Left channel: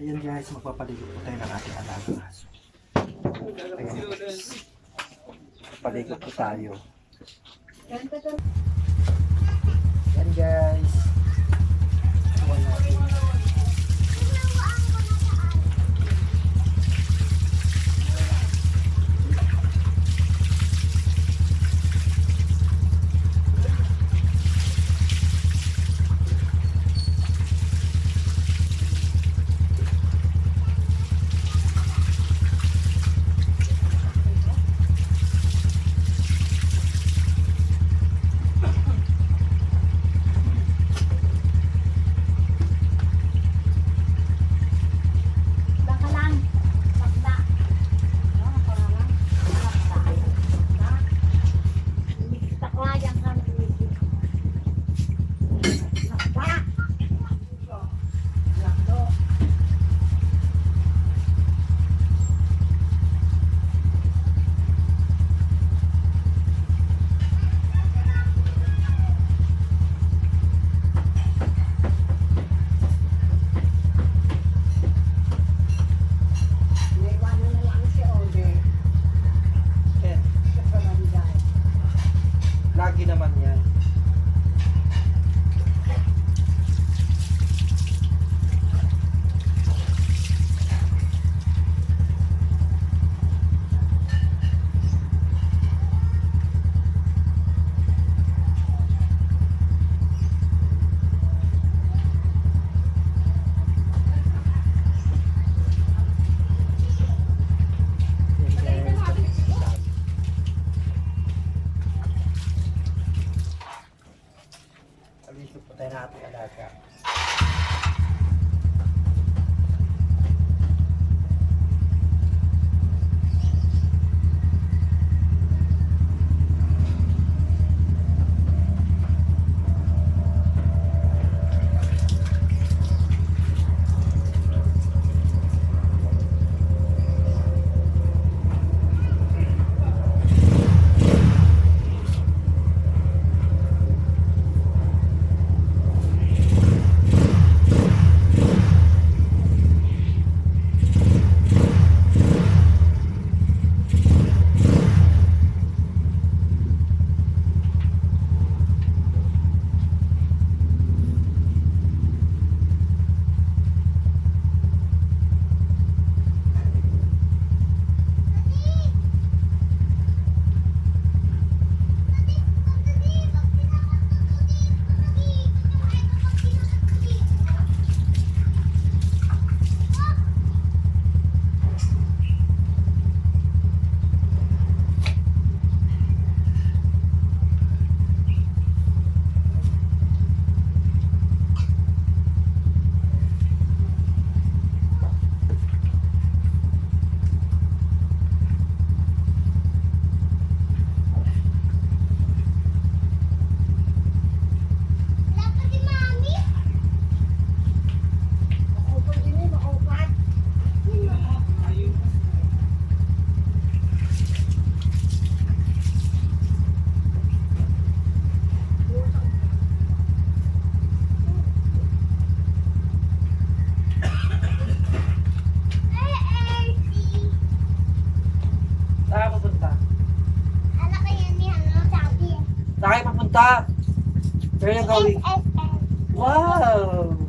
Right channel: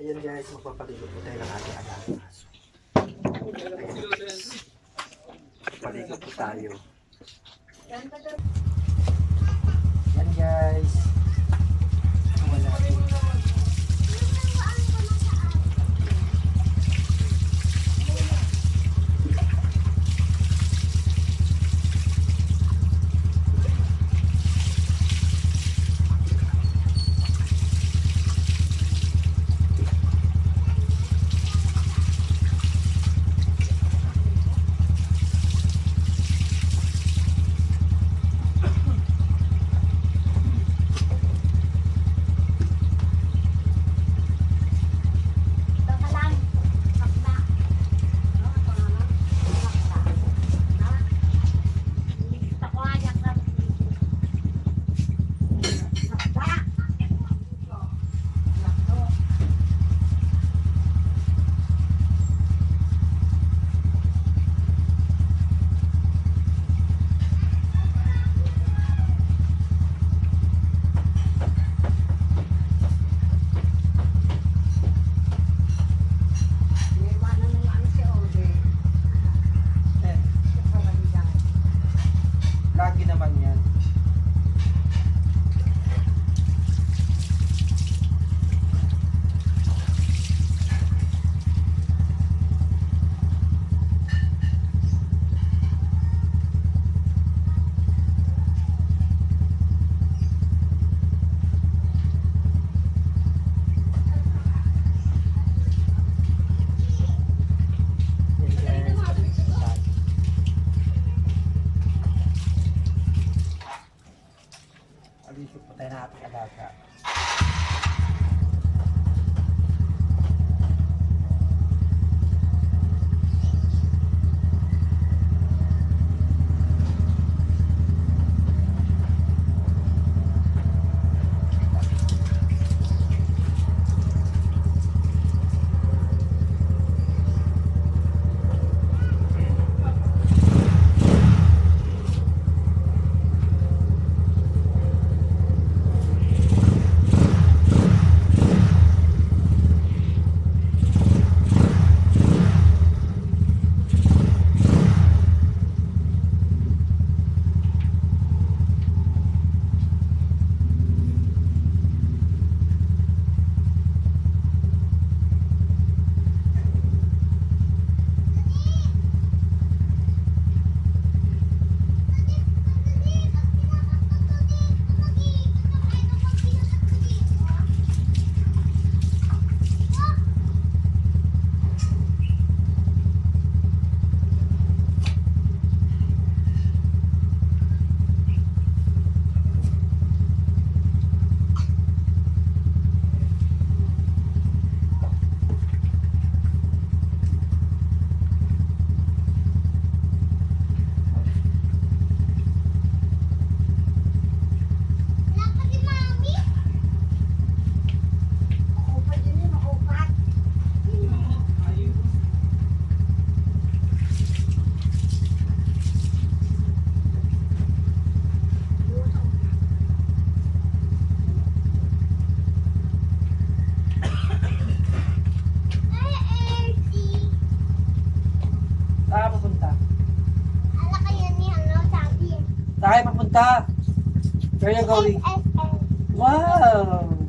Ayan guys, magpapaligo po tayo ng ating alagang aso. Ayan guys. Magpapaligo po tayo. Ayan guys. Wala natin. Lagi naman yan. Alisip po tayo na ating alaga. Saan kayo papunta? Where are you going? Wow!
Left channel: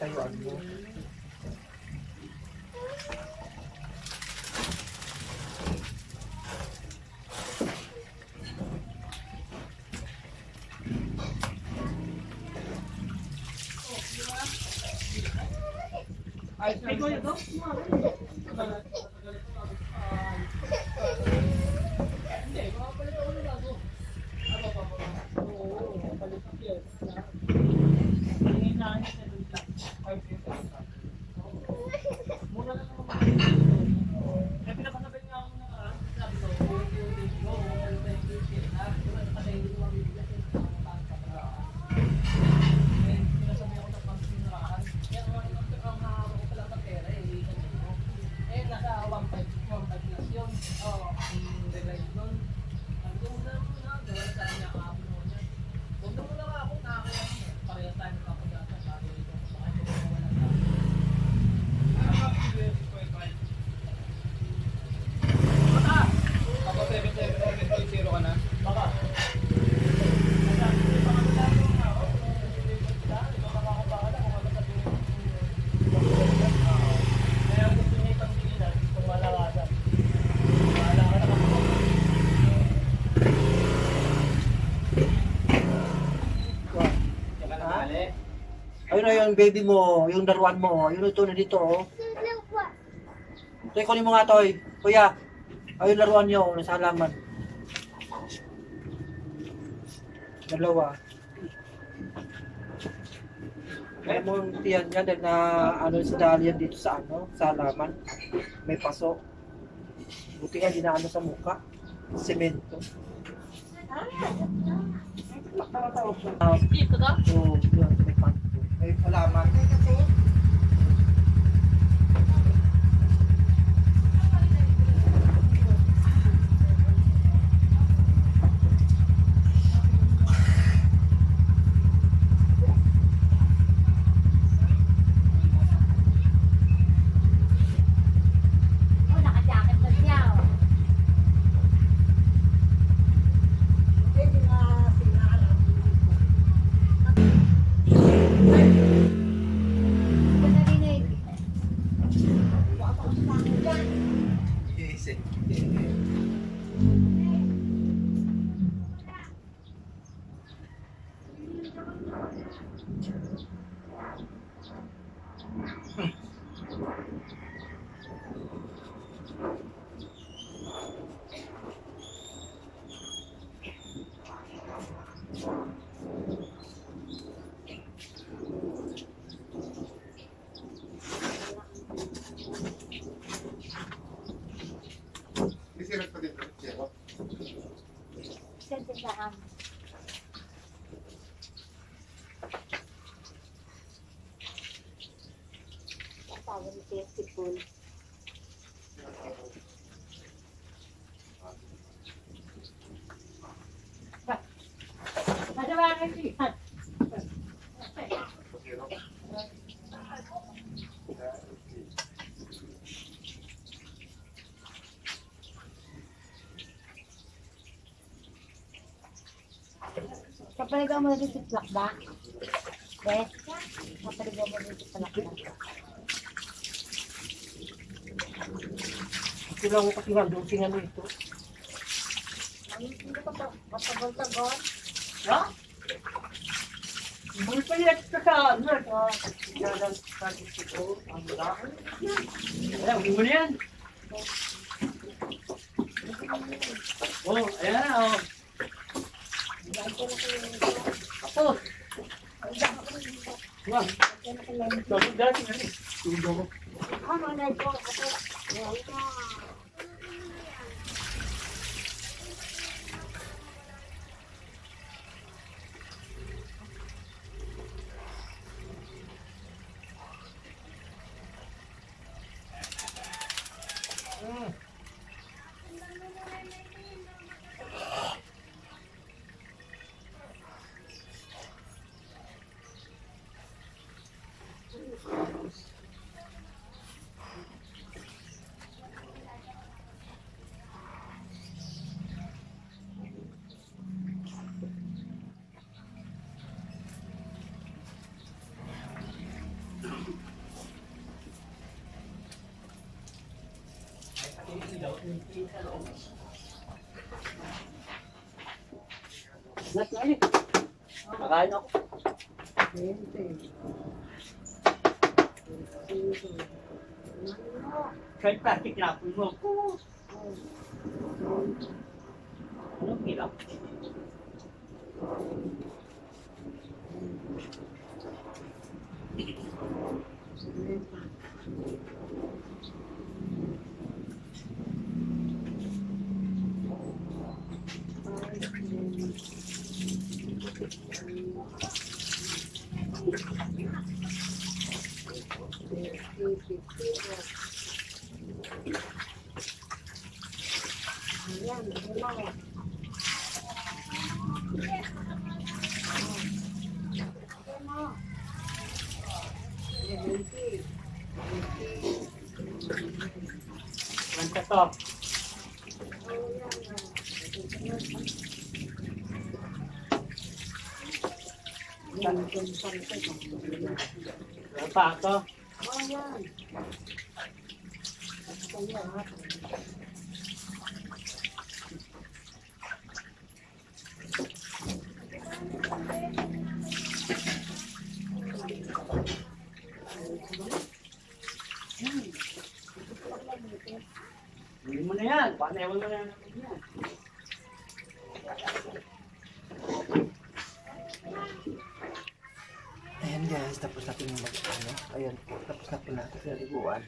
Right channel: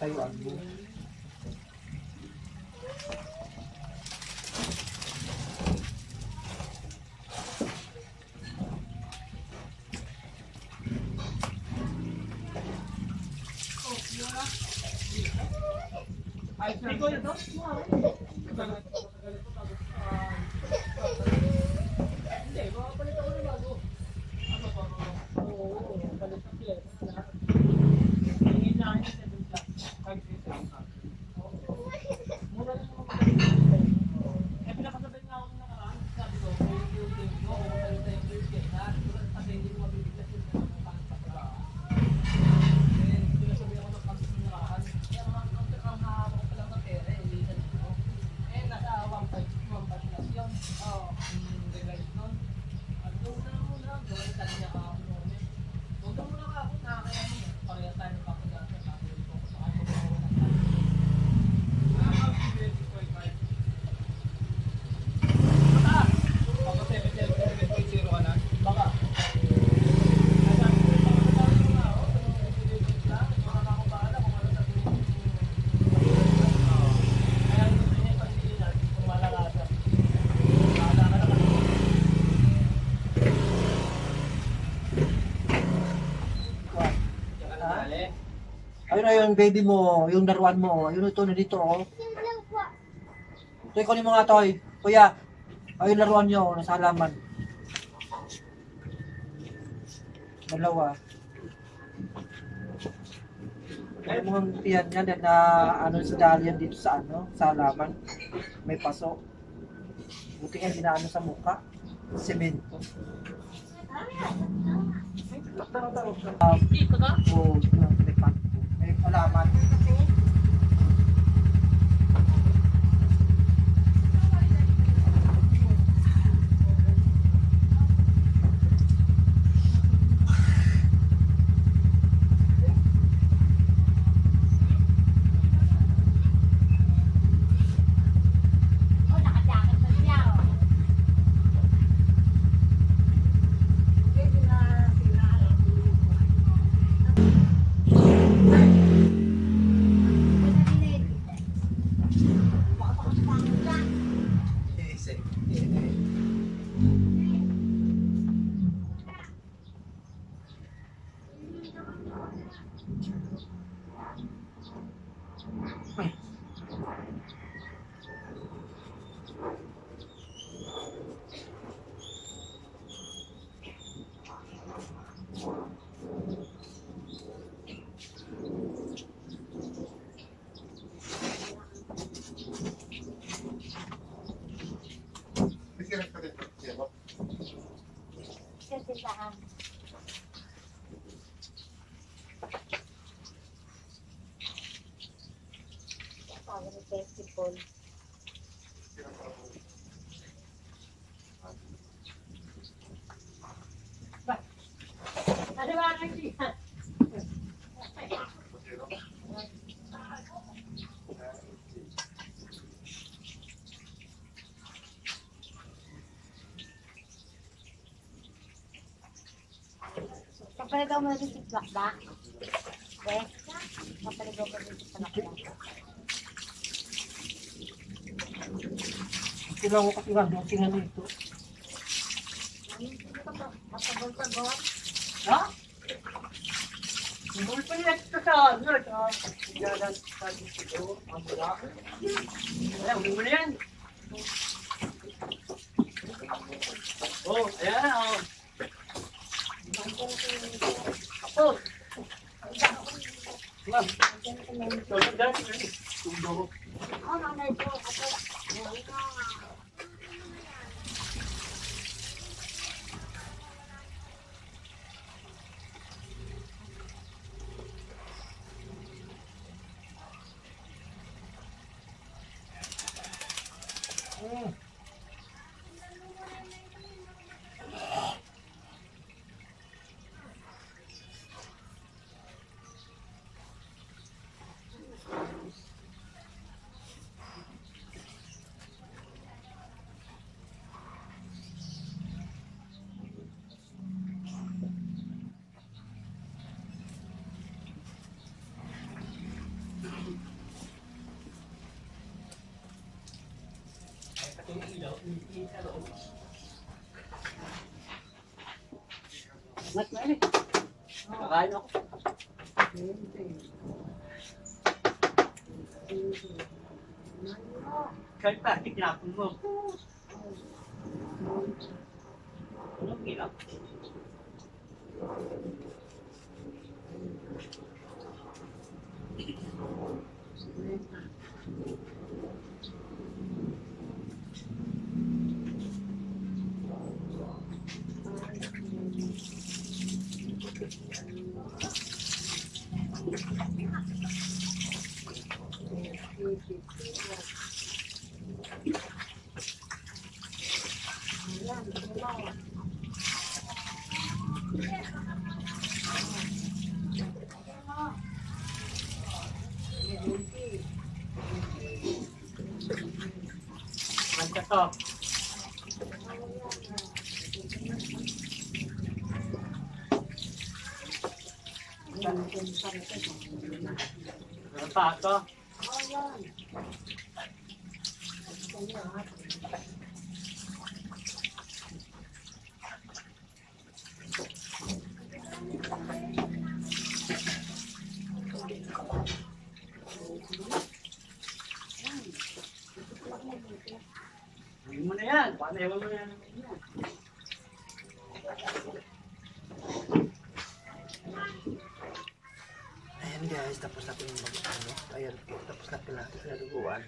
Tatayuan mo. Ay, ko ito? Hindi, makapalit ako ng bago. Ano pa ba? Oo, palit ang piyes. Tingin na akin sa 7 plus. 5 plus. Mura lang naman mga eh, pinapasabay nga ako ng nakaraan. Sabi ko, kung yung baby ko, kung palit na yung piyes na, kasi hindi mo mabibiglas yung pangkataan ka pala. Eh, pinasabay ako ng pangkataan ng nakaraan. Kaya ang hahama ko pala ng pera, ulisan mo. Eh, nasa 1.5 plus yun. Oo, realize nun. Sabi ko, muna muna. Gawin sabi niya kahapon noon eh. Huwag na muna ako, nakakaya niya. Pareha tayo ng kapagdasa. Sabi ko, baka ito ko walang tayo. Baka! Kapag 7.0 ka na? Baka. Ayun na yung baby mo, yung laruan mo, yun ito na dito oh. Toy, kunin mo nga toy. Kuya, ayun laruan nyo, nasa halaman. Dalawa. Kaya mong tiyan yan na ano sa dahil yan dito sa ano, sa halaman. May paso. Buti nga dinaano sa muka. Semento. Dito ka? Oo, yun, may halaman. Festival. Ada mana sih? Kapag ka mo rin si Plakda? Yes? Kapag ka mo rin si Plakda? Kailangan ko kasi nga doting ano ito. Matagol-tagol. Ha? Hindi pa yan ka sa ano. Yan sa dito. Ang mula. Ayan, huwag mo na yan. Oh, ayan na. Oh. Tapos. Wag. Tapos dati nga eh. Tundo ko. Ano na ito? Kakain ako. Kahit plastic na po mo. Anong hirap? Manta to. Ano pa ako? Hindi mo na yan. Panewan mo na yan. Ayan guys, tapos na po yung ano. Ayan po, tapos na po natin sa liguan.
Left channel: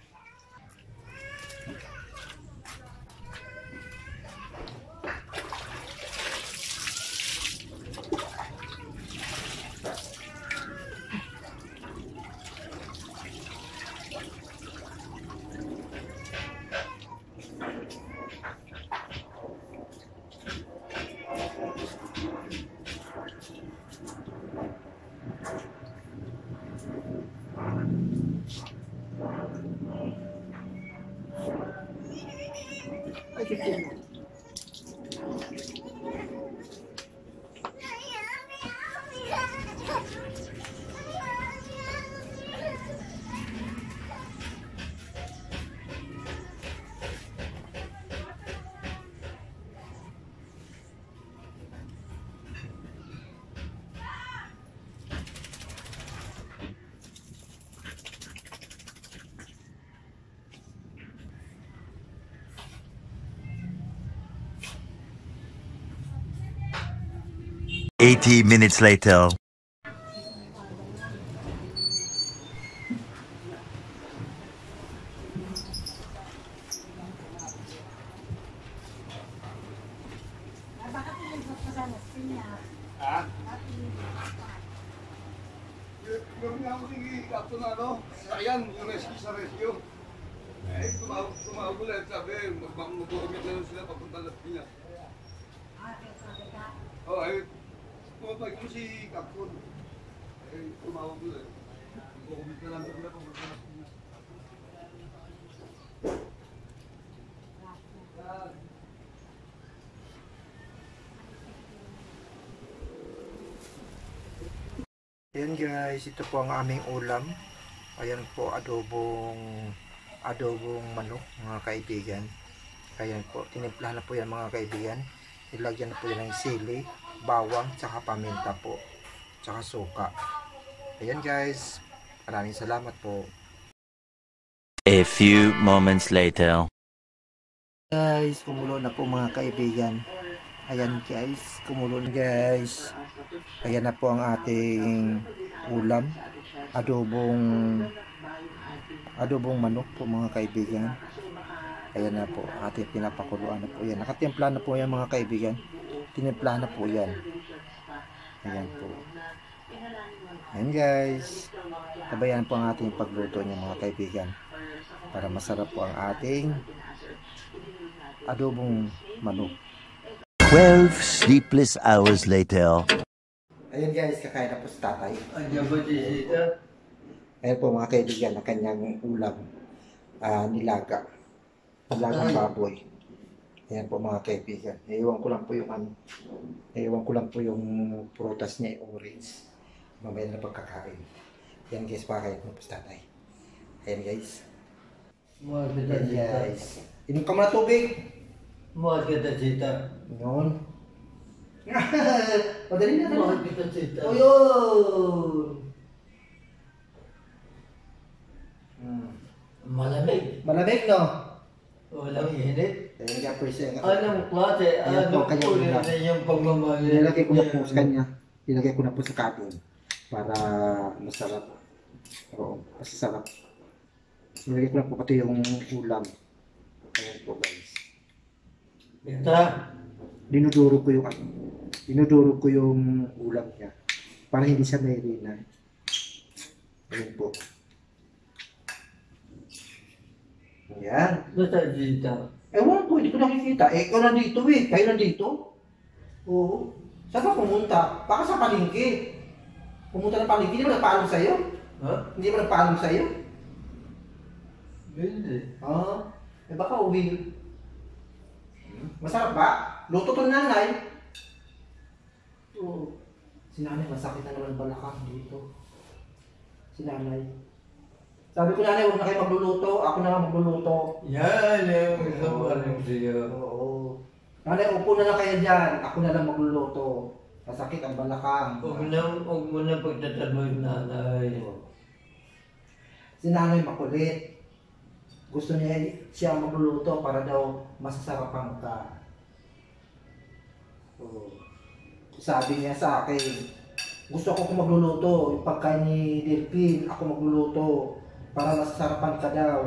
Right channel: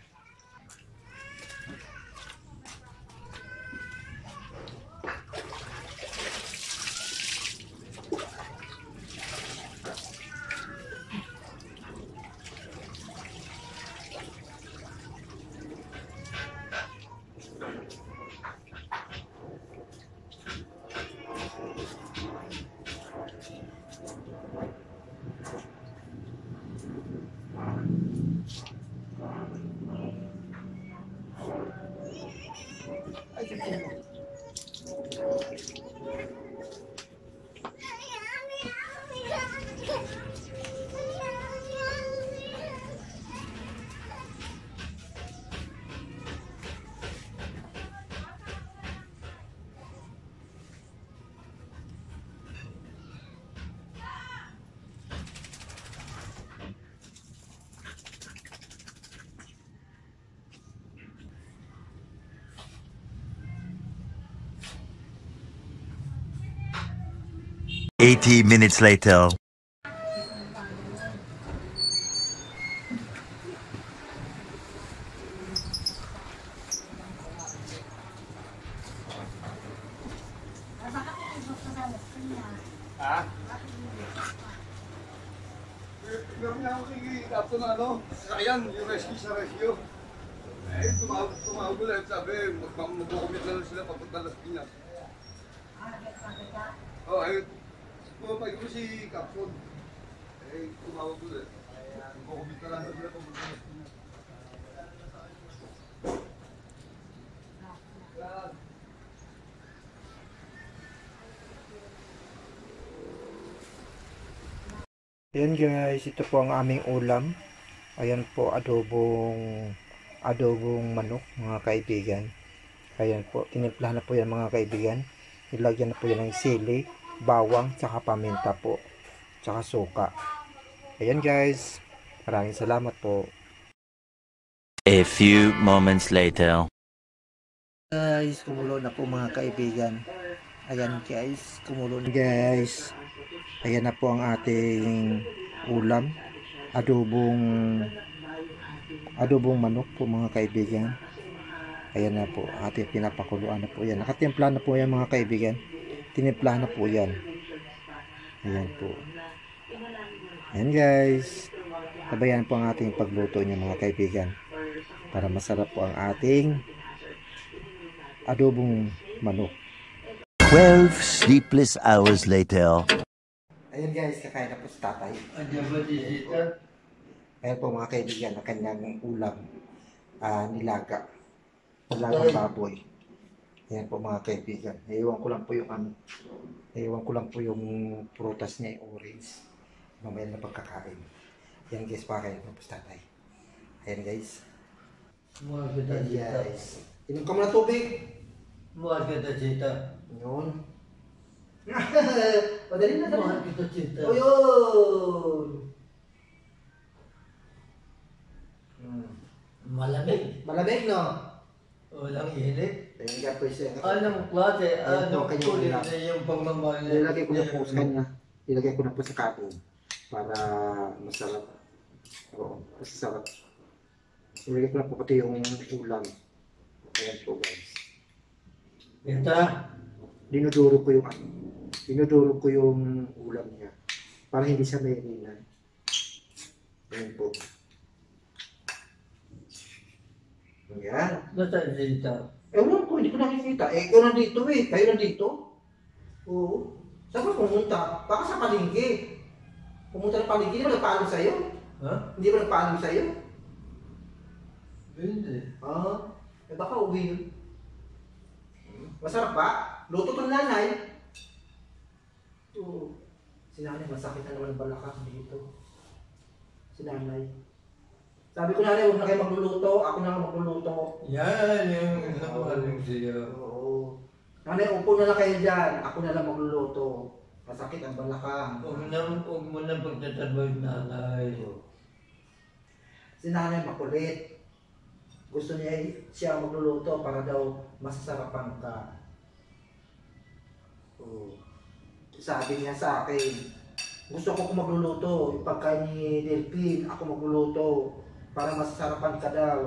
Minutes later. Ha? Meron nga ako kapto na ano, sasakyan, yung rescue sa rescue. Eh, tumawag ulit, sabi, mag-commit na lang sila papunta Las Piñas. Oh, eh, pumapag mo si Capson. Eh, tumawag ulit. Mag-commit na lang sila papunta Las Piñas. Ayan guys, ito po ang aming ulam. Ayan po, adobong manok mga kaibigan. Ayan po, tinimplahan na po yan mga kaibigan. Ilagyan na po yan ng sili, bawang, tsaka paminta po, tsaka suka. Ayan guys, maraming salamat po. A few moments later. Guys, kumulo na po mga kaibigan. Ayan guys, kumulo na guys. Ayan na po ang ating ulam. Adobong manok po mga kaibigan. Ayan na po, ating pinapakuluan na po yan. Nakatimpla na po yan mga kaibigan. Tinimpla na po yan. Ayan po. Ayan guys. Tabayan po ang ating pagluto niyo mga kaibigan. Para masarap po ang ating adobong manok. 12 sleepless hours later. Ayun guys, kakain na po sa tatay. Ano ba dito? Ayan po mga kaibigan, ang kanyang ulam. Nilagang baboy. Ayan po mga kaibigan. Iiwan ko lang po yung prutas niya, yung orange. Mamaya na pagkakain. Ayan guys, pakain na po sa tatay. Ayan guys. Ayan guys. Inom ka muna tubig. Mahal kita, Chita. Yun. Madali na Mahal dali. kita, Chita. O yun. Malamig. Malamig, no? Walang init. Ayun nga po siya. Anong klase? Ayan po, Anong kanya uri nila. na yung pagmamahal? Nilagay ko na po sa kanya. Nilagay ko na po sa cabin. Para masarap. Oo, masasarap. Nilagay ko na po pati yung ulam. Ayan po guys. Kita. Dinuduro ko yung ano. Dinuduro ko yung ulam niya. Para hindi siya merina. Ayan po. Ayan. Nasa Chita. Ewan ko, hindi ko nakikita. Eh, ikaw nandito eh. Kayo nandito. Oo. Saan ka pumunta? Baka sa palengke. Pumunta ng palengke. Hindi ba nagpaalam sa'yo? Ha? Hindi ba nagpaalam sa'yo? Hindi. Ah. Eh baka uwi. Masarap ba? Luto to ng nanay. Oo. Si nanay, masakit na naman balakang dito. Si nanay. Sabi ko nanay, huwag na kayo magluluto. Ako na nga magluluto. Yan yung isang alam siya. Oo. Nanay, upo na lang kayo dyan. Ako na lang magluluto. Masakit ang balakang. Huwag mo na pagtatabay nanay. Si nanay makulit. Gusto niya siya magluluto para daw masasarapan ka. Oo. Sabi niya sa akin, gusto ko kung magluluto. Yung pagkain ni Delphine, ako magluluto. Para masasarapan ka daw.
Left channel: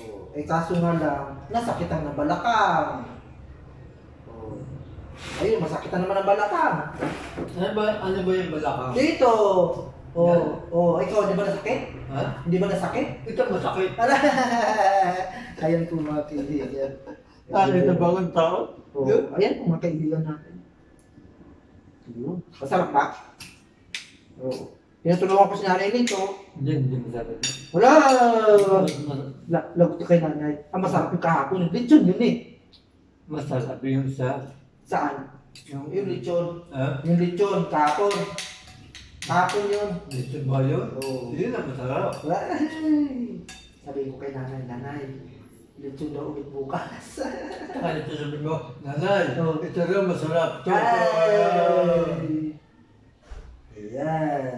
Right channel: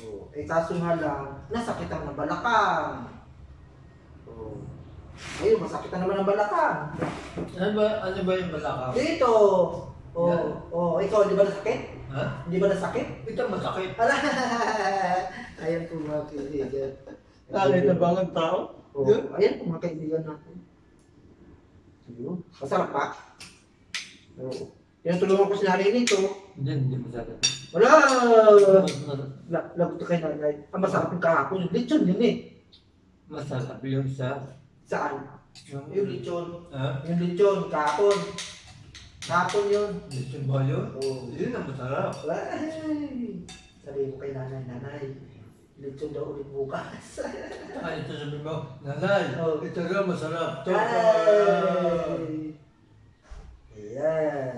Oo. Eh kaso nga lang, nasakitan ng balakang. Oo. Ayun, masakitan naman ng balakang. Ano ba yung balakang? Dito! Oo. Oh, ikaw, di ba nasakit? Ha? Hindi ba nasakit? Ito masakit. Ala! Ayan po mga kaibigan. Kali na ba ang tao? Oo. Ayan po mga kaibigan natin. Ayun. Masarap ba? Oo. Tinutulungan ko si nanay nito. Hindi masakit. Wala! Lagot kay nanay. Ang masarap yung kahapon. Yung lechon yun eh. Masarap yung sa... Saan? Yung lechon. Ha? Yung lechon, kahapon. Kahapon yun. Dito ba yun? Oo. Yun ang masarap. Ay! Sabi ko kay nanay, lechon daw ulit bukas. Kaya ito sabi mo, nanay, Oo. ito daw masarap. Ito, Ay! Ayan.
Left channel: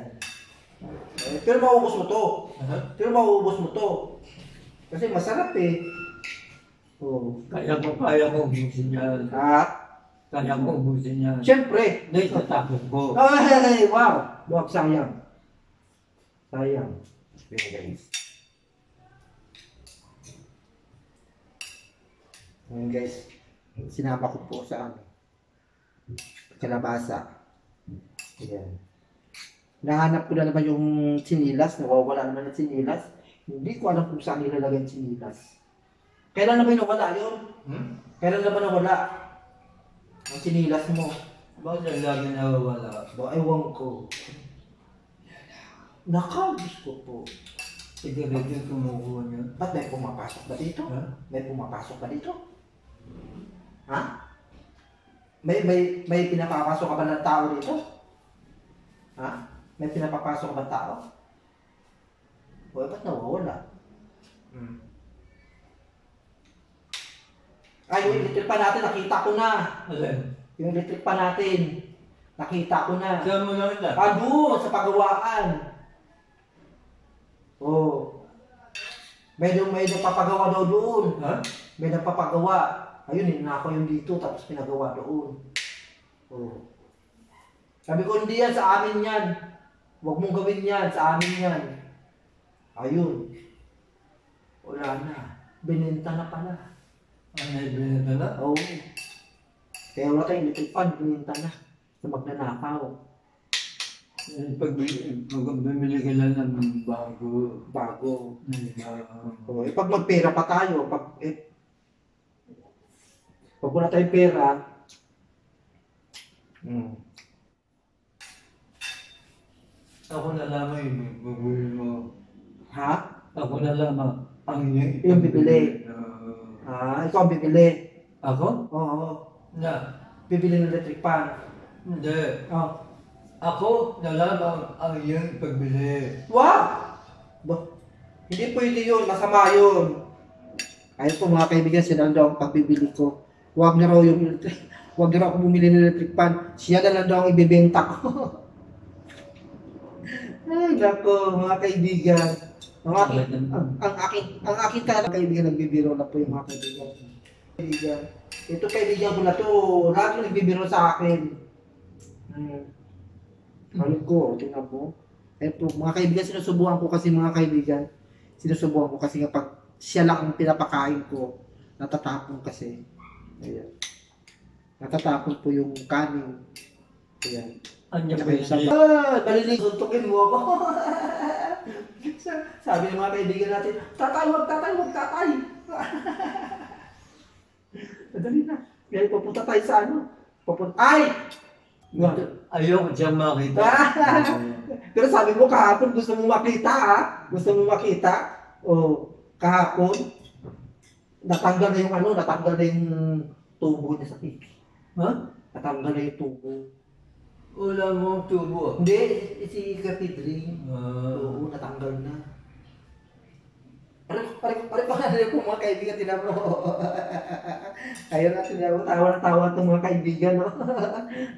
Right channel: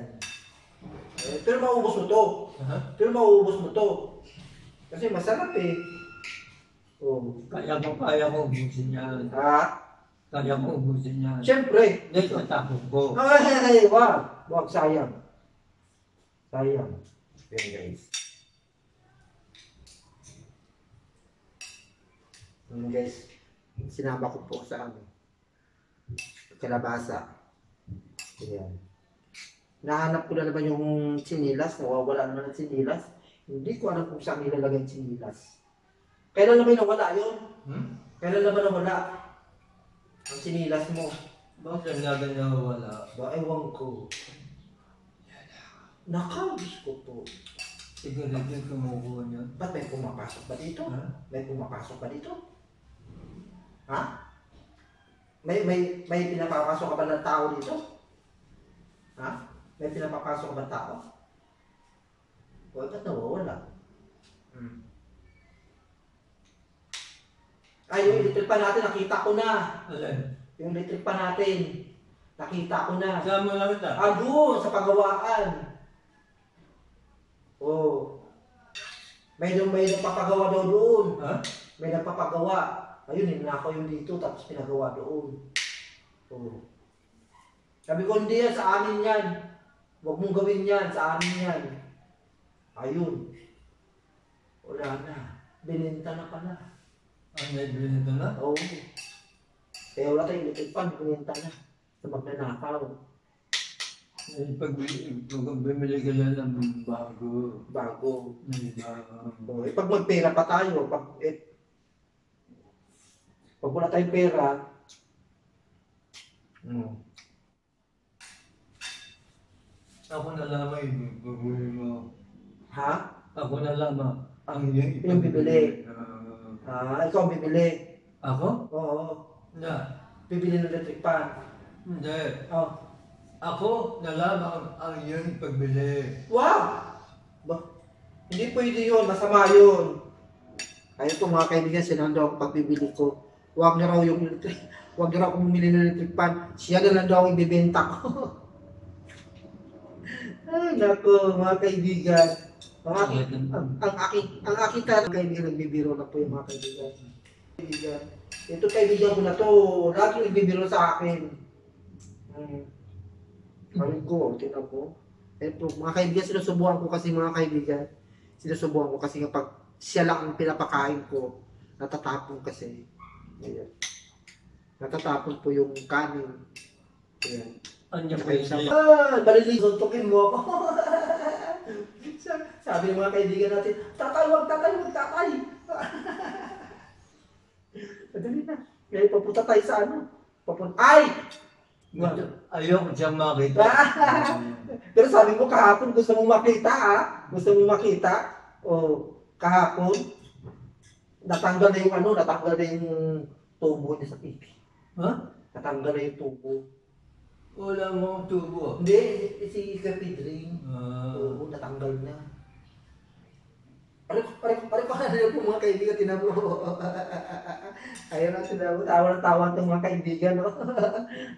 Eh, pero maubos mo to. Ha? Pero maubos mo to. Kasi masarap eh. Oo. Kaya ko ubusin yan. Ah, Kaya ko ubusin yan. siyempre. Hindi, tatapon ko. Ay, wow. Huwag sayang. Sayang. Yan guys. Yan guys. Sinama ko po sa ano. Kalabasa. Ayan. Nahanap ko na naman yung sinilas. Nawawala naman yung sinilas. Hindi ko alam kung saan nilalagay yung sinilas. Kailan naman nawala yun? Kailan naman nawala? Ang sinilas mo. Bakit ang lagi nawawala? Ba, ewan ko. Nakagis ko po. Siguro yung kumukuha niya. Ba't may pumapasok ba dito? Ha? May pumapasok ba dito? Ha? May pinapapasok ka ba ng tao dito? Ha? May pinapapasok ba ng tao? O, ba't nawawala? Ay, yung electric pan natin, nakita ko na. Alin? Yung electric pan natin, nakita ko na. Saan mo namin na? Doon, sa pagawaan. Oh. May nagpapagawa daw doon. Ha? May nagpapagawa. Ayun, ninako yung dito, tapos pinagawa doon. Oh. Sabi ko, hindi yan, sa amin yan. Huwag mong gawin yan, sa amin yan. Ayun. Wala na. Binenta na pala. Ano yung binito na? Oo. Kaya wala tayong electric pan, binenta na. Sa magnanakaw. Pag bumili ka lang ng bago. Bago. Bago. Oh, pag magpera pa tayo, pag wala tayong pera, Ako na lamang yung bubuli mo. ha? Ako na lamang ang Yung bibili. Ikaw ang bibili. Ako? Oo. Na. Bibili ng electric pan. Hindi. Oh. Ako na lamang ang iyong pagbili. Wow! Ba? Hindi pwede yun. Masama yun. Ayun po mga kaibigan, sila lang daw ang pagbibili ko. Huwag na raw yung electric. Huwag na raw ako bumili ng electric fan. Siya na lang daw ang ibibenta ko. Ay, nako, mga kaibigan. Ang aking talaga kaibigan, nagbibiro na po yung mga kaibigan. Kaibigan. Ito kaibigan ko na to, lahat yung nagbibiro sa akin. Ayun ko, tingnan po. Ito, mga kaibigan, sinusubukan ko kasi mga kaibigan. Sinusubukan ko kasi kapag siya lang ang pinapakain ko, natatapon kasi. Ayan. Natatapon po yung kanin. Ayan. Anya po yun. Balilig, suntukin mo ako. Sabi ng mga kaibigan natin, tatay, wag tatay, wag tatay. Madali na. Ngayon papunta tayo sa ano? Ay! Ayoko siyang makita. Pero sabi mo kahapon gusto mong makita Gusto mong makita. O kahapon natanggal na yung ano, natanggal na yung tubo niya sa pipi. Ha? Natanggal na yung tubo. Wala mong tubo. Hindi, si Kapidring. Ah. Oo, natanggal na. Pare pa na po mga kaibigan, tinaplo. Ayun na, tawa na tawa itong mga kaibigan, no?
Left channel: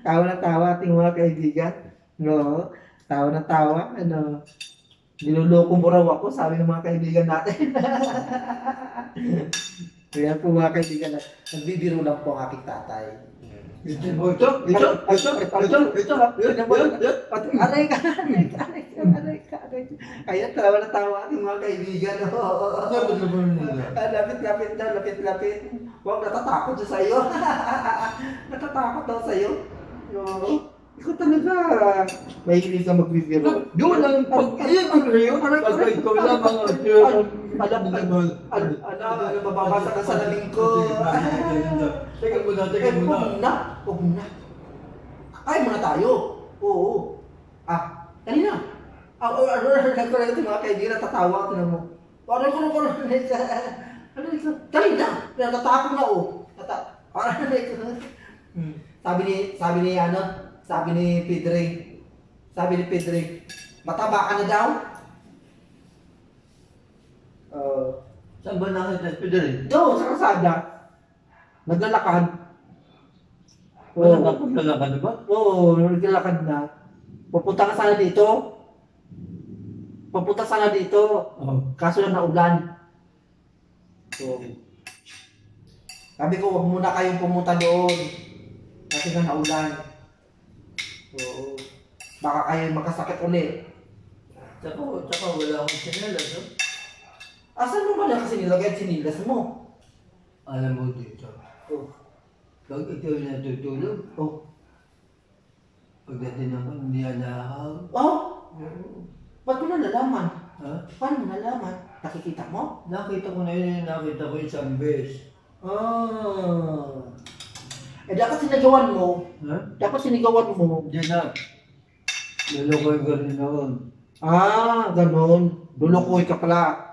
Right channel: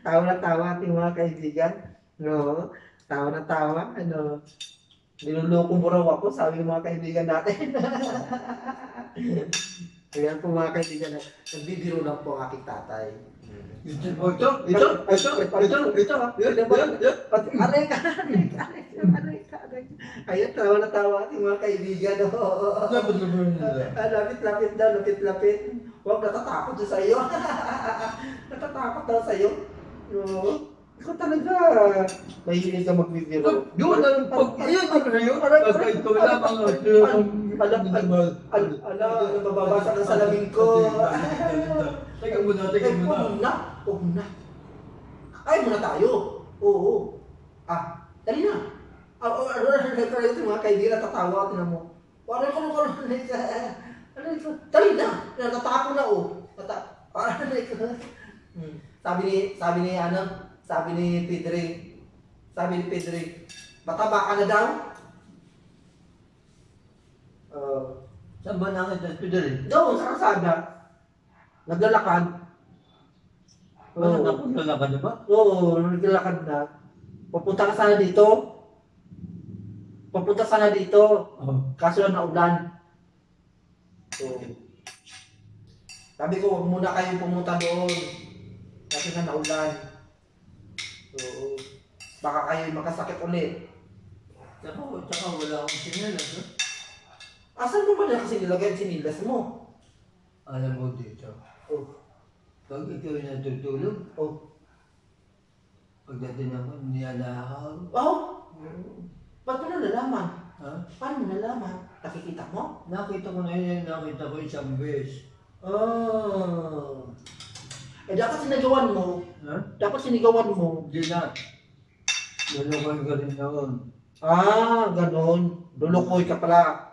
Tawa na tawa ating mga kaibigan, no? Tawa na tawa, ano? Niluloko mo raw ako, sabi ng mga kaibigan natin. Ayan po mga kaibigan, nagbibiro lang po ang aking tatay. Ito. Aray ka. Ayan, tawa na tawa ating mga kaibigan, no? Lapit. Huwag natatakot siya sa'yo. Natatakot daw sa'yo. No? Ikaw talaga. Mahilig ka magbibiro. Yun ang pag ikaw lamang Mababasa ka sa labing ko. Teka muna. Huwag muna. Kaya muna tayo. Oo. Dali na. Ito mga kaibigan, natatawa ako na mo. Dali na. Natatakot na, oh. Sabi ni Pedring, mataba ka na daw? Saan ba nakita Pedring? Doon, sa kalsada. Naglalakad. Naglalakad na ba? Oo, naglalakad na. Pupunta sana dito. Kaso lang naulan. So, sabi ko, wag muna kayong pumunta doon. Kasi na naulan. Oo. Baka kayo magkasakit ulit. Tsaka wala akong sinelas, no? Asan mo ba na kasi nilagay ang sinilas mo? Alam mo dito. Pag ikaw natutulog, pagdating ako, hindi alakaw. Ba't mo nalalaman? Ha? Paano mo nalaman? Nakikita mo? Nakita ko na yun, nakita ko isang beses. Dapat sinigawan mo. Ha? Hindi na. Lulukoy ko rin noon. Ganon. Lulukoy ka pala.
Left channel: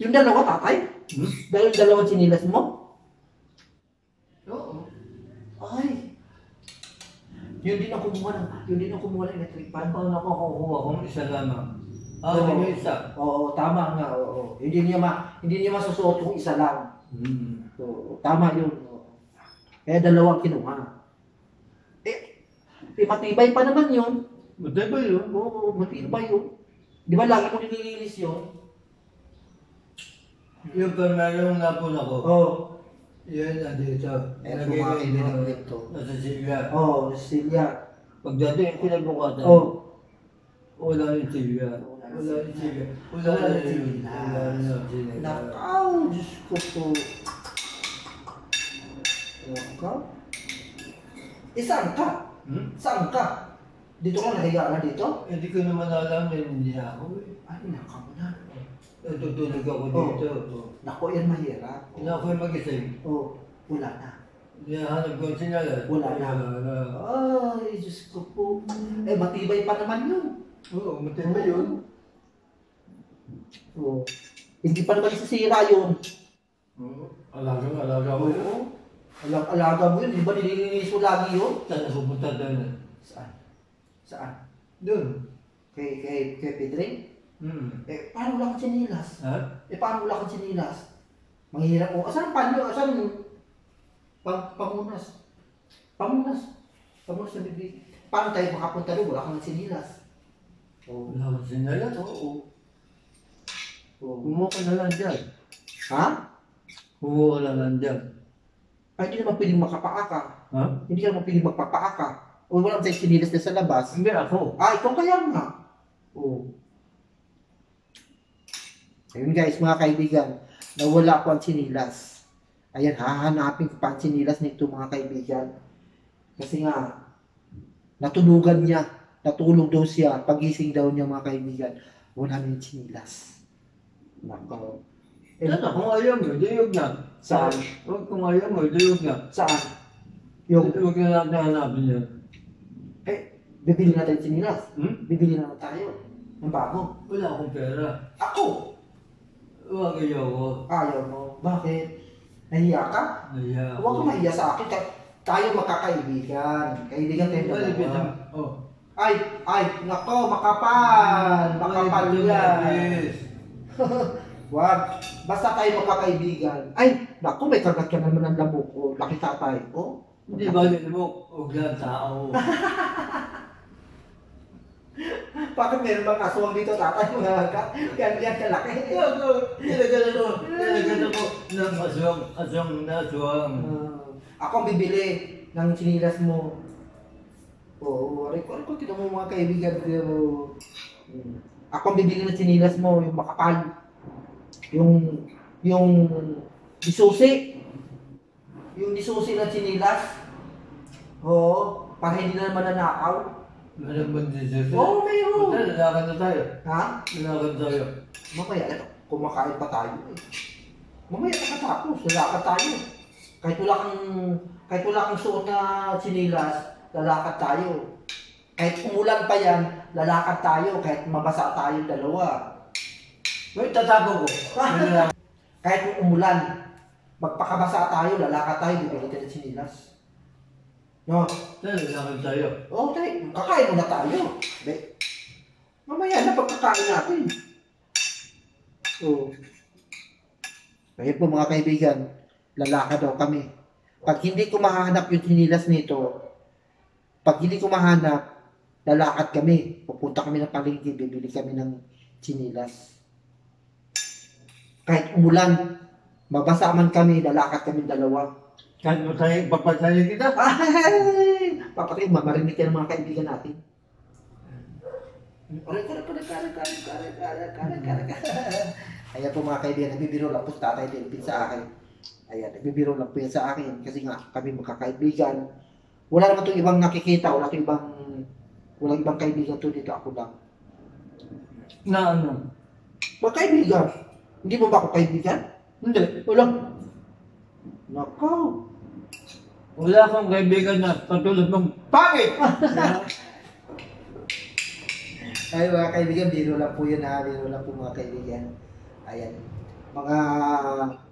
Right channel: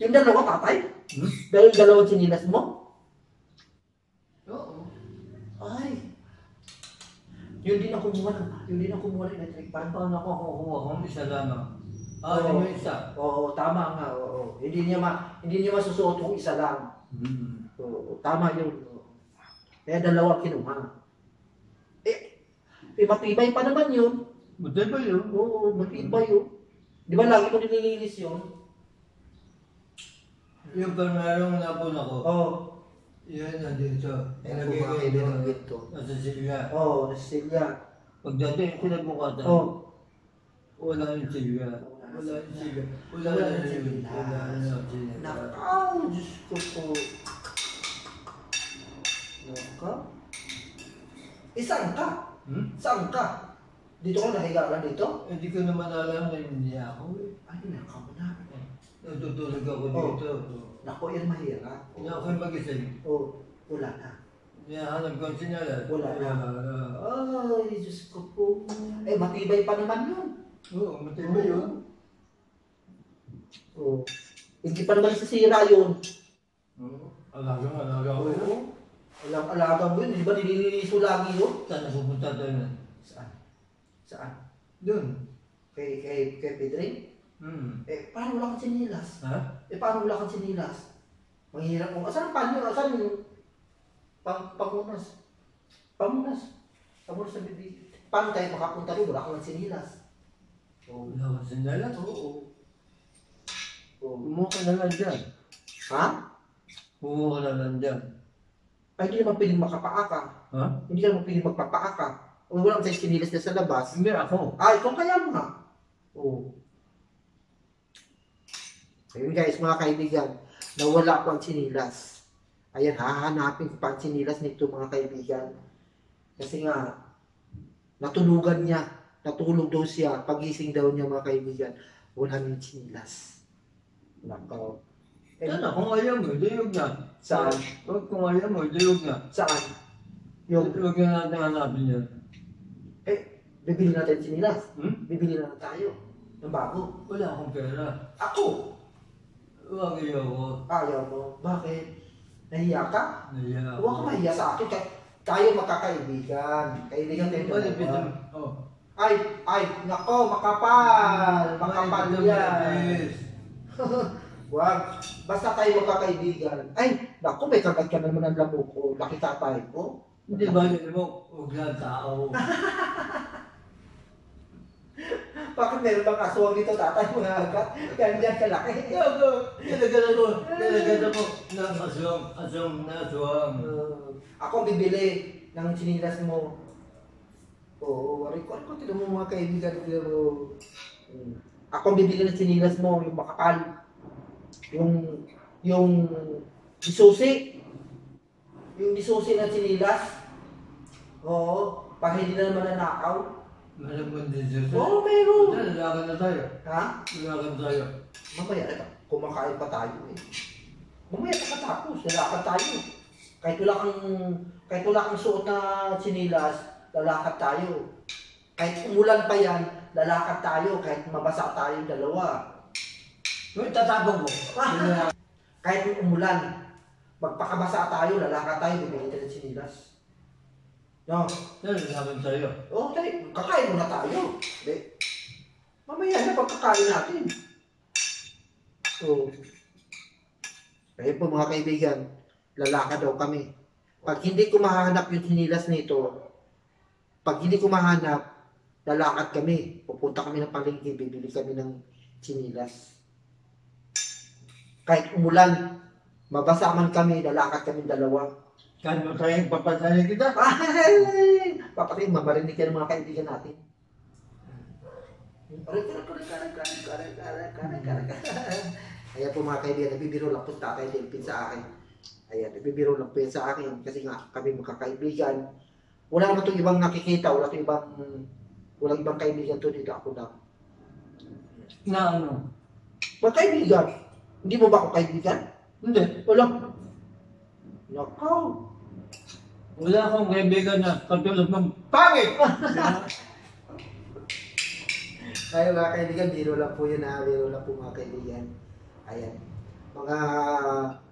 Yung dalawa, tatay? Dahil yung dalawang sinilas mo? Oo. Ay. Yun din ang kumuha ng electric fan. Paano ako kukuha kung isa lamang? Oo. Yung isa. Oo, tama nga. Oo. Hindi niya masusuot yung isa lang. Oo, tama yun. Kaya dalawa kinuha. Matibay pa naman yun. Matibay yun? Oo, matibay yun. Di ba lagi mo nililinis yun? Yung pangalong napon ako. Oo. Yan, nandito. Ayan po Nalagay mga ko kaibigan dito. dito. Nasa silya. Oo, Cecilia. Pagdating kinabukasan, wala yung silya. Wala yung silya. Wala yung silya. Nakaw, Diyos ko po. Nakaw? Saan ka? Saan ka? Dito ka nahiga ka dito? Hindi ko naman alam na hindi ako eh. Ay, nakaw mo na. Natutulog ako dito. Naku, yan mahirap. Hindi ako yung magising. Wala na. Hinahanap ko ang sinyalan. Wala na. Ay, Diyos ko po. Matibay pa naman yun. Oo, matibay yun. Oo. Hindi pa naman sisira yun. Alaga ko yun. Alaga mo yun. Di ba nililinis mo lagi yun? Saan ako pumunta doon? Saan? Doon. Kay Pedring? Eh, paano wala kang sinilas? Ha? Eh, paano wala kang sinilas? Manghihirap mo. Asan ang panyo? Asan yung pamunas? Pamunas. Pamunas na bibig. Paano tayo makapunta doon? Wala kang sinilas. Oo. Wala akong sinyalan. Oo. Oo. Kumuha ka na lang dyan. Ha? Kumuha ka na lang dyan. Ay, hindi naman pwedeng makapaaka. Ha? Hindi ka naman pwedeng magpapaaka. O wala tayong sinilas na sa labas. Hindi ako. Ah, ikaw kaya nga. Oo. Ayun guys, mga kaibigan, nawala ko ang sinilas. Ayan, hahanapin ko pa ang sinilas nito mga kaibigan. Kasi nga, natulugan niya. Natulog daw siya. Pagising daw niya mga kaibigan. Wala nang sinilas. Nako. Eh, Yan na, kung ayaw mo, diyog na. Saan? Huwag kung ayaw mo, diyog na. Saan? Yung, Huwag na natin hanapin yan. bibili natin sinilas. Hmm? Bibili na tayo. Ng bago. Wala akong pera. Ako! Huwag ayaw ko. Ayaw mo. Bakit? Nahiya ka? Naya Huwag ka mahiya sa akin. Tayo magkakaibigan. Kaibigan tayo Malipit dalawa. na. Oh. Ay, nako, makapal. Makapal Malipit na yan. malapis. Wag. Basta tayo magkakaibigan. Ay, nako, may kagat ka naman ng lamok ko. Laki tatay. Oh. Hindi ba yun mo? Huwag lang tao. Bakit meron bang aswang dito tatay? Mga agad. Ganyan kalaki. Nilagyan ako ng aswang na aswang. Ako ang bibili ng sinilas mo. Oo, aray ko, tinan mo mga kaibigan pero ako ang bibili ng sinilas mo, yung makapal. Yung disusi. Yung disusi ng sinilas. Oo, para hindi na naman nanakaw. Meron ba din siya? Oo, mayroon. Punta, lalakad na tayo. Ha? Lalakad tayo. Mamaya, kumakain pa tayo eh. Mamaya nakatapos, lalakad tayo. Kahit wala kang suot na sinilas, lalakad tayo. Kahit umulan pa yan, lalakad tayo. Kahit mabasa tayo dalawa. Uy, tatapon ko. Kahit umulan, magpakabasa tayo, lalakad tayo, bibili tayo ng sinilas. No? Lalakad tayo. Okay, kakain muna tayo. Be. Mamaya na pagkakain natin. Oo. Kaya po mga kaibigan, lalakad daw kami. Pag hindi ko mahanap yung sinilas nito, pag hindi ko mahanap, lalakad kami. Pupunta kami ng palengke, bibili kami ng sinilas. Kahit umulan, mabasa man kami, lalakad kami dalawa. Kahit mo tayo, papatayin kita. Ay! Papatay, mamarinig ka ng mga kaibigan natin. Ayan po mga kaibigan, nagbibiro lang po sa tatay Delpin sa akin. Ayan, nagbibiro lang po yan sa akin kasi nga kami magkakaibigan. Wala naman itong ibang nakikita, wala ibang kaibigan to dito, ako lang. Na ano? Magkaibigan. Hindi mo ba ako kaibigan? Hindi. Wala. Nakaw. Wala akong kaibigan na katulad mong pangit! Ay mga kaibigan, biro lang po yun ha. Biro lang po mga kaibigan. Ayan. Mga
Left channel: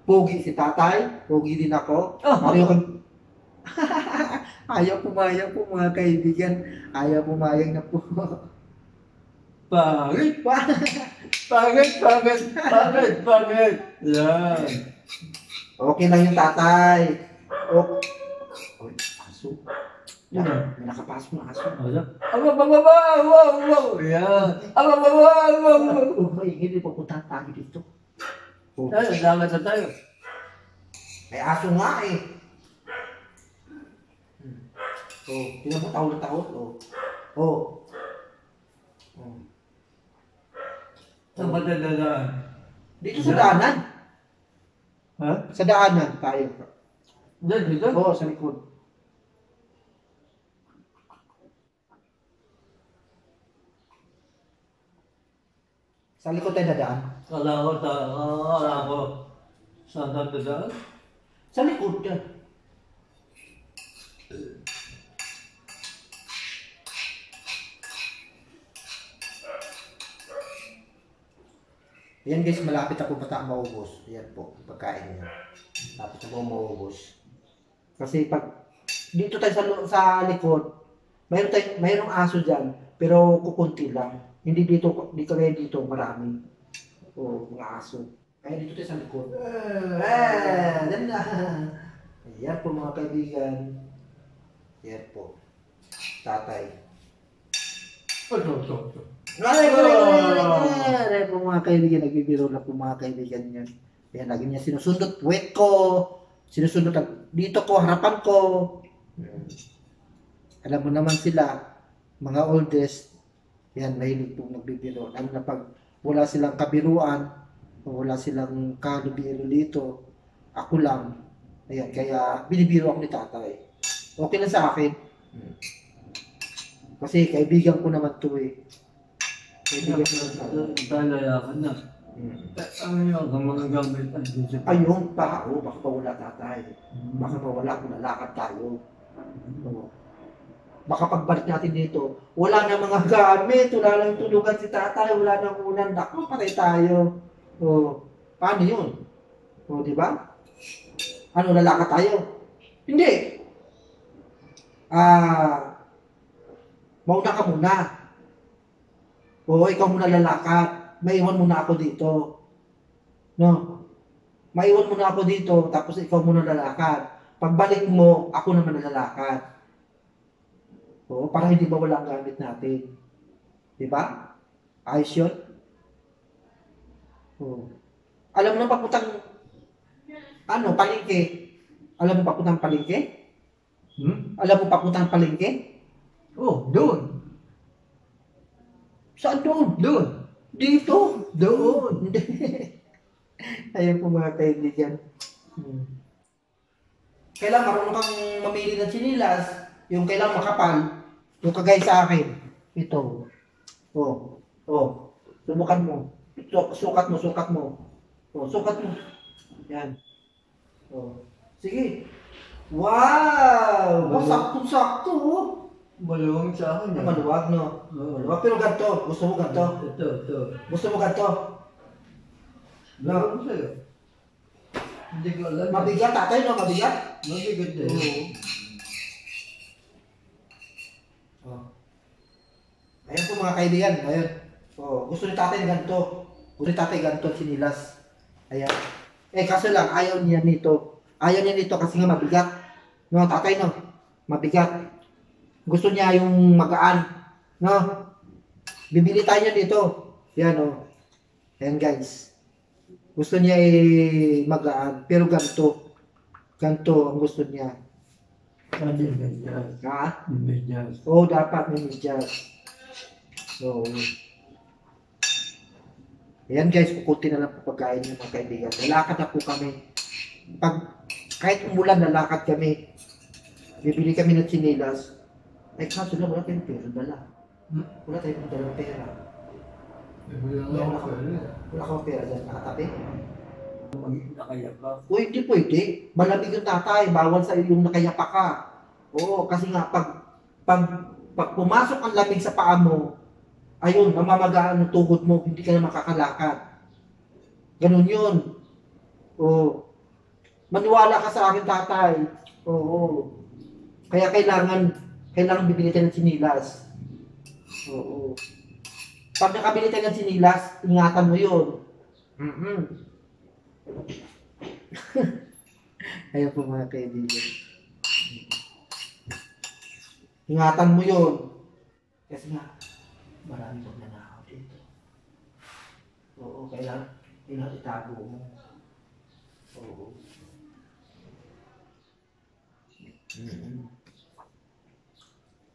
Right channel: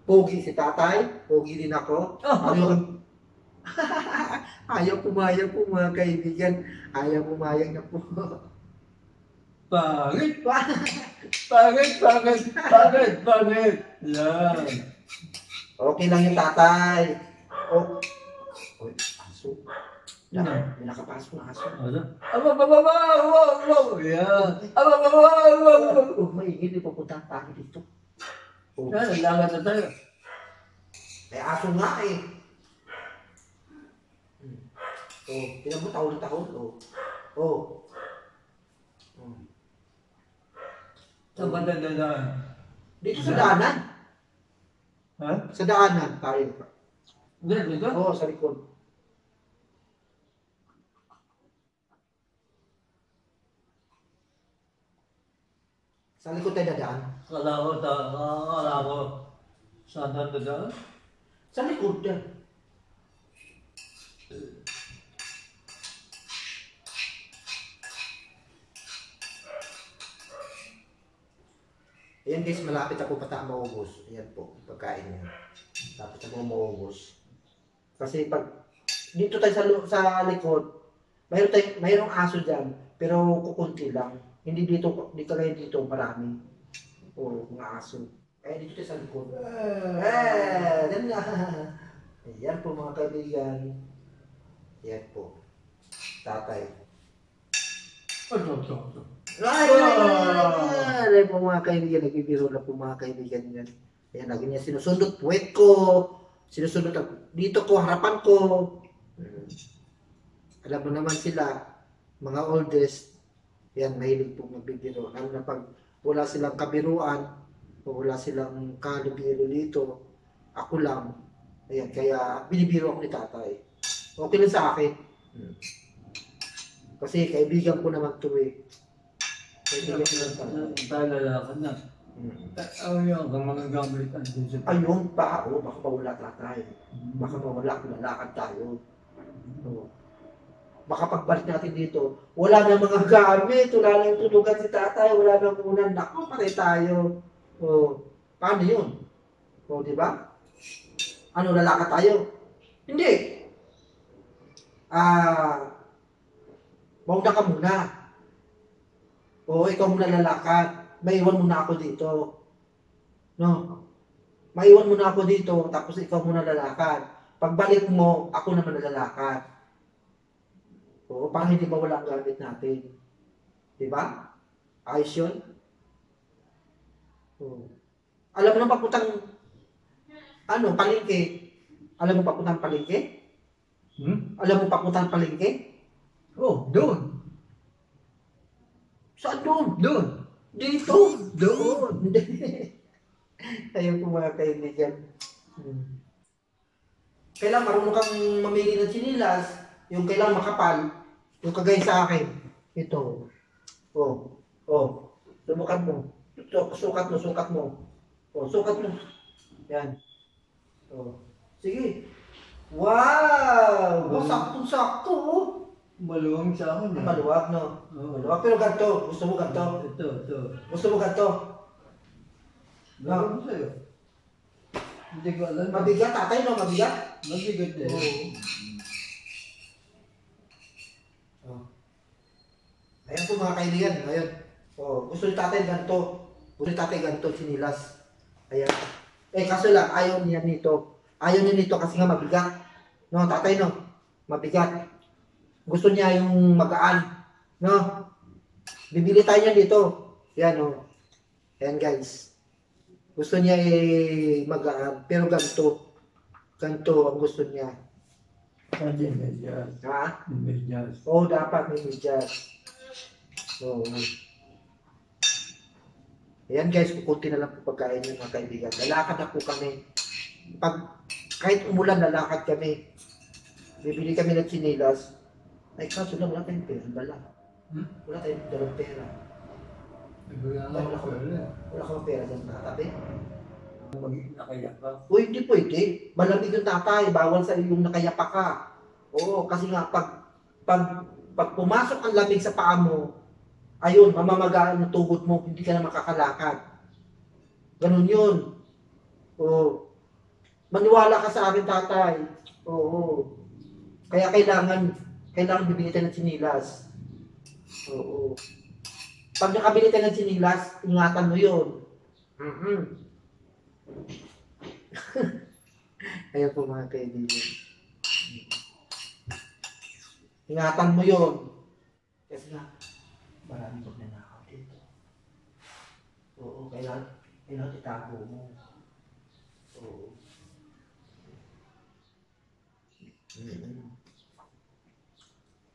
pogi si tatay. Pogi din ako. Ayaw pumayag po mga kaibigan. Ayaw pumayag na po. Pangit! Pangit! Yan. Okay lang yung tatay. Oh. Uy, aso. May nakapasok na aso. Ano? Wow! Yan. Oh, maingin. Ipupunta tayo dito. Oh. Yan, lalakad na tayo. May aso nga eh. Oh, tingnan mo taon na taon. Oh. Oh. Oh. Saan ba dadaan? Dito sa daanan. Ha? Sa daanan tayo. Dito? Oo, sa likod. Sa likod tayo dadaan. Kala ko. Saan dadaan? Sa likod yan. Ayan guys, malapit ako bata maubos. Ayan po, pagkain niya. Malapit ako maubos. Kasi pag dito tayo sa likod, mayroong aso dyan, pero kukunti lang. Hindi dito, di kagaya dito, marami. O, mga aso. Kaya dito tayo sa likod. Yan na. Ayan po mga kaibigan. Yan po. Tatay. Ito. Ay po mga kaibigan, nagbibiro na po mga kaibigan yan. Ayan, lagi niya sinusundot. Puwet ko. Sinusundot. Dito ko, harapan ko. Alam mo naman sila, mga oldest, yan, mahilig po magbibiro. Lalo na pag wala silang kabiruan, o wala silang kalibiro dito, ako lang. Ayan, kaya binibiro ako ni tatay. Okay lang sa akin. Kasi kaibigan ko naman to eh. Kaibigan ko lang tayo. Talaya ka na. Ayaw ka mga gamit ang dito. Ayun, baka pa wala tatay. Baka pa wala kung lalakad tayo. Oo. Baka pagbalik natin dito, wala na mga gamit, wala nang tulugan si tatay, wala nang unan, naku, patay tayo. O, paano yun? O, di ba? Ano, lalakad tayo? Hindi. Mauna ka muna. O, ikaw muna lalakad. Maiwan muna ako dito. No? Maiwan muna ako dito, tapos ikaw muna lalakad. Pagbalik mo, ako naman lalakad. Oo, para hindi mawala ang gamit natin. Diba? Ayos yun? Oo. Alam mo na papuntang palengke? Alam mo papuntang palengke? Alam mo papuntang palengke? Oh, doon. Saan doon? Doon. Dito? Doon. Ayun po mga kaibigan. Kailangan marunong kang mamili ng sinilas. Yung kailangan makapal. Yung kagaya sa akin. Ito. Subukan mo. Sukat mo. Sukat mo. Yan. Sige. Wow! Saktong-sakto. Maluwang sa akin. Maluwag, no? Oo. Maluwag, pero ganito. Gusto mo ganito? Ito. Gusto mo ganito? Maluwang sa'yo. Hindi ko alam. Mabigat, tatay, no? Mabigat? Mabigat din. Ayan po mga kaibigan, ayun. Gusto ni tatay ganito. Gusto ni tatay ganito, sinilas. Ayan. Kaso lang, ayaw niya nito. Ayaw niya nito kasi nga mabigat. No, tatay, no? Mabigat. Gusto niya yung magaan. No? Bibili tayo niya dito. Yan, oh. Ayan, guys. Gusto niya magaan. Pero ganito. Ganito ang gusto niya. Hindi medyas. Ha? Medyas. Dapat may medyas. Ayan guys, kukunti na lang po pagkain niyo mga kaibigan. Lalakad na po kami. Kahit umulan, lalakad kami. Bibili kami ng sinilas. Kaso na wala tayong pera dala. Wala tayong dalang pera. Wala kang pera dyan, nakatabi. Nakayak ka. Hindi pwede. Malamig yung tatay. Bawal sa yung nakayapa ka. Kasi nga pag pumasok ang lamig sa paa mo, ayun, mamamagaan ng tuhod mo, hindi ka na makakalakad. Ganun yun. Maniwala ka sa akin, tatay. Kaya kailangan bibili tayo ng sinilas. Pag nakabili tayo ng sinilas, ingatan mo yun. Ayan po mga kaibigan. Ingatan mo yun. Kasi nga, maraming magnanakaw dito. Kailangan itago mo.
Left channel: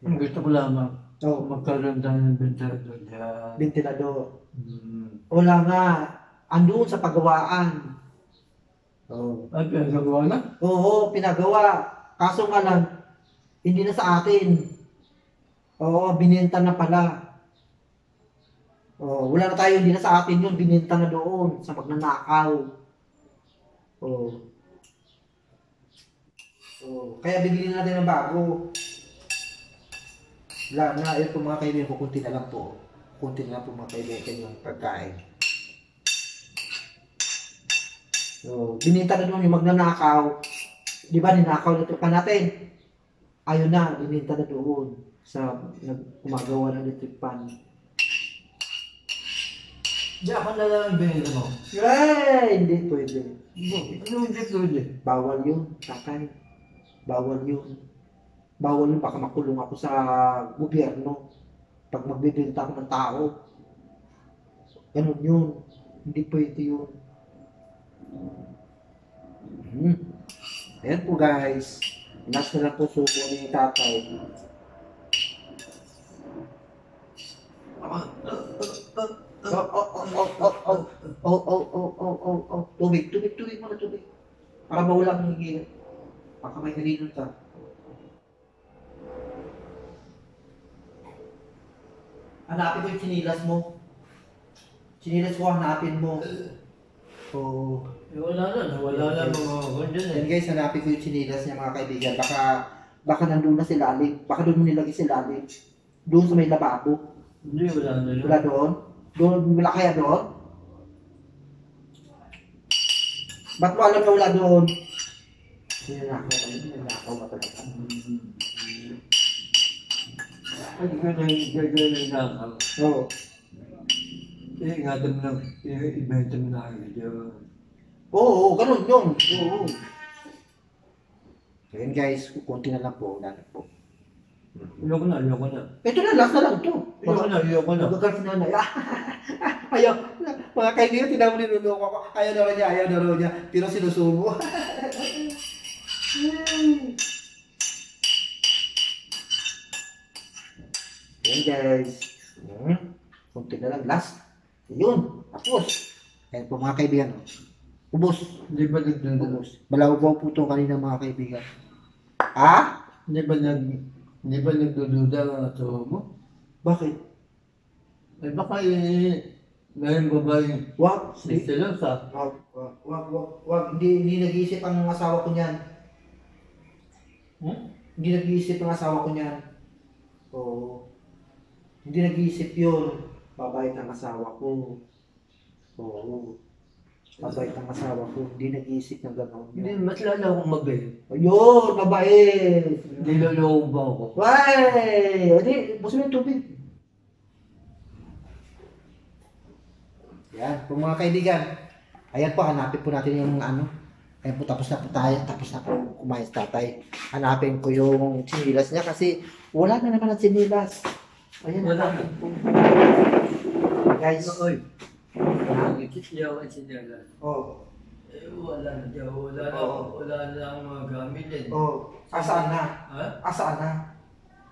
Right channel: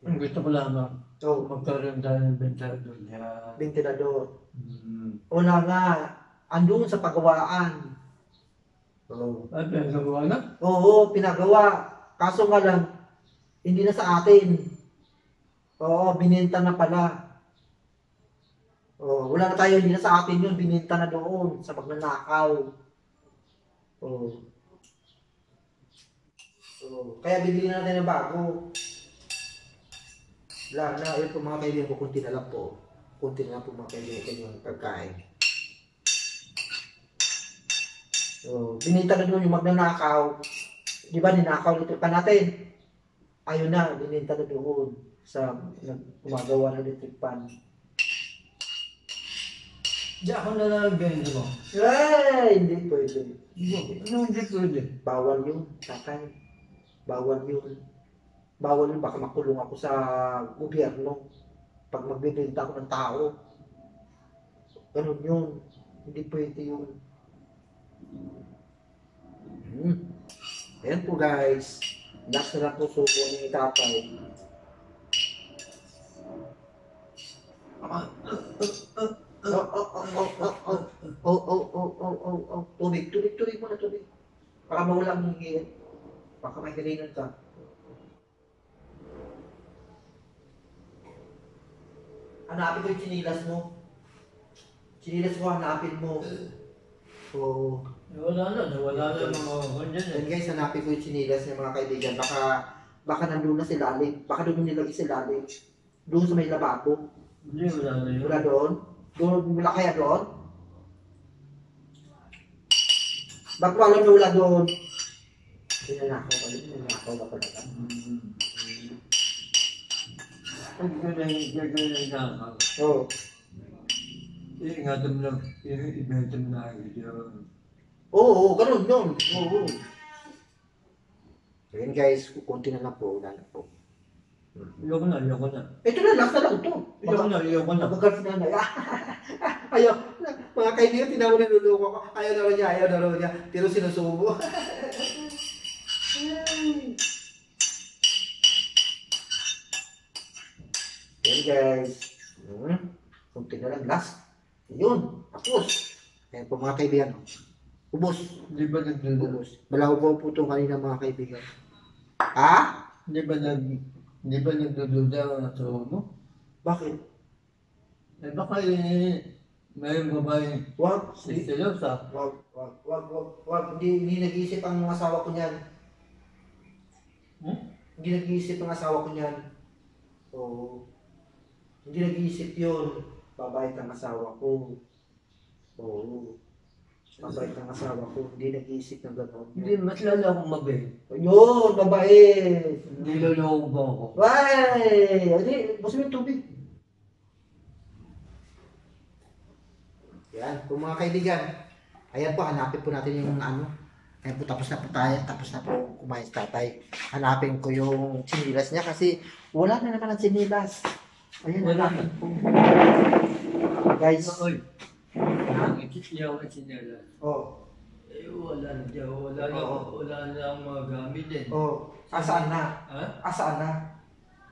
Ang gusto ko lamang, magkaroon tayo ng ventilador dyan. Ventilador. Wala nga. Andun sa pagawaan. At pinagawa na? Pinagawa. Kaso nga lang, hindi na sa atin. Bininta na pala. Wala na tayo, hindi na sa atin yun. Bininta na doon sa magnanakaw. Kaya bibili na natin ng bago. Wala na, yun po mga kaibigan ko, kunti na lang po. Kunti na lang po mga kaibigan yung pagkain. Bininta na doon yung magnanakaw. Di ba, ninakaw nito pa natin. Ayun na, bininta na doon sa gumagawa ng electric pan. Hindi ako na lang binili mo. Ay, hindi pwede. Ano hindi pwede? Bawal yun, tatay. Bawal yun. Bawal yun, baka makulong ako sa gobyerno. Pag magbibenta ako ng tao. Ganun yun. Hindi pwede yun. Ayan po guys. Last na lang po subo ni tatay. Tubig muna, tubig. Baka mawalang higil. Baka may halinan ka. Hanapin mo yung chinilas mo. Chinilas ko, hanapin mo. Oh. Wala na mga ganyan eh. Yan guys, hanapin ko yung chinilas niya mga kaibigan. Baka nandun na sila alim. Baka doon mo nilagay sila alim. Doon sa may lababo. Hindi, wala na yun. Wala doon? Doon, wala kaya doon? Ba't wala na wala doon? Ninanakaw ba talaga? Pag gano'n na Oo. ingatan mo lang, ibenta mo na agad yun. Oo, ganun yun. Oo. Ayan guys, kunti na lang po, wala na po. Ayoko na. Ito na, last na lang ito. Ayoko na. Magagal si nanay. Ayaw. Mga kaibigan, tinamo niluloko ko. Ayaw na raw niya. Pero sinusubo. Ayan guys. Kunti na lang, last. Yun, tapos. Ayan po mga kaibigan. Ubus. Hindi ba nagdududa? Ubus. Malawaw po ito kanina mga kaibigan. Ha? Hindi ba nagdududa ang asawa mo? Bakit? Eh baka may babae Wag. siselosa. Wag. Hindi nag-iisip ang asawa ko niyan. Hindi nag-iisip ang asawa ko niyan. Oo. Hindi nag-iisip yun. Babait ang asawa ko. Oo. Babait ang asawa ko. Hindi nag-iisip ng gano'n. Hindi, mas lalo akong mabait. Ayun, babait. Niloloko ba ako? Why? Adi, busin mo yung tubig. Yan, po mga kaibigan. Ayan po, hanapin po natin yung ano. Ayan po, tapos na po tayo. Tapos na po kumain si tatay. Hanapin ko yung sinilas niya kasi wala na naman ang sinilas. Ayan, Wala hanapin po. Guys. Oy, ang ikityaw at sinela. Oh. Eh, wala na dyan. Oo. Wala na ang mga gamit din. Oh. Asaan na? Ha? Asaan na?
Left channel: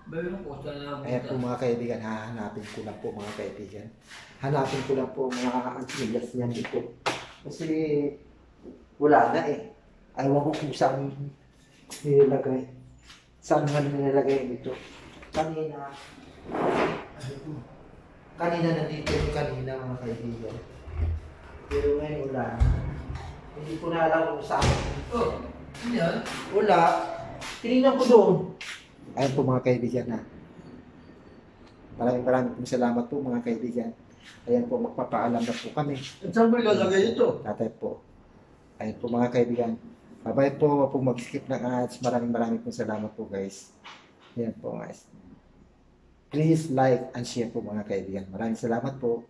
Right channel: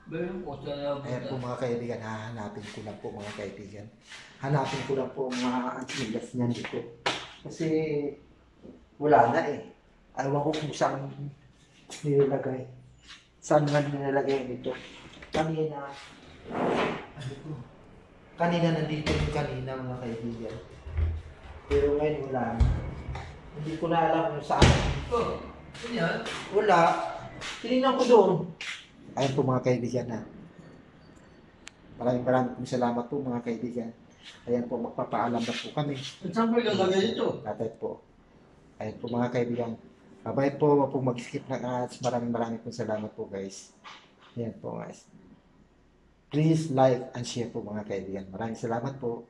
Bayong ko sana Ayan po mga kaibigan, hahanapin ko lang po mga kaibigan. Hanapin ko lang po mga antilas niyan dito. Kasi wala na eh. Ayaw ko kung saan nilagay. Saan nga nilagay dito. Kanina nandito yung kanina mga kaibigan. Pero ngayon wala na. Hindi ko na alam kung saan. Oh, ano yan? Wala. Tinignan ko doon. Ayan po mga kaibigan na. Maraming pong salamat po mga kaibigan. Ayan po, magpapaalam na po kami. At saan mo ilalagay ito? Tatay po. Ayan po mga kaibigan. Bye-bye po. Huwag pong mag-skip ng ads. Maraming pong salamat po guys. Ayan po guys. Please like and share po mga kaibigan. Maraming salamat po.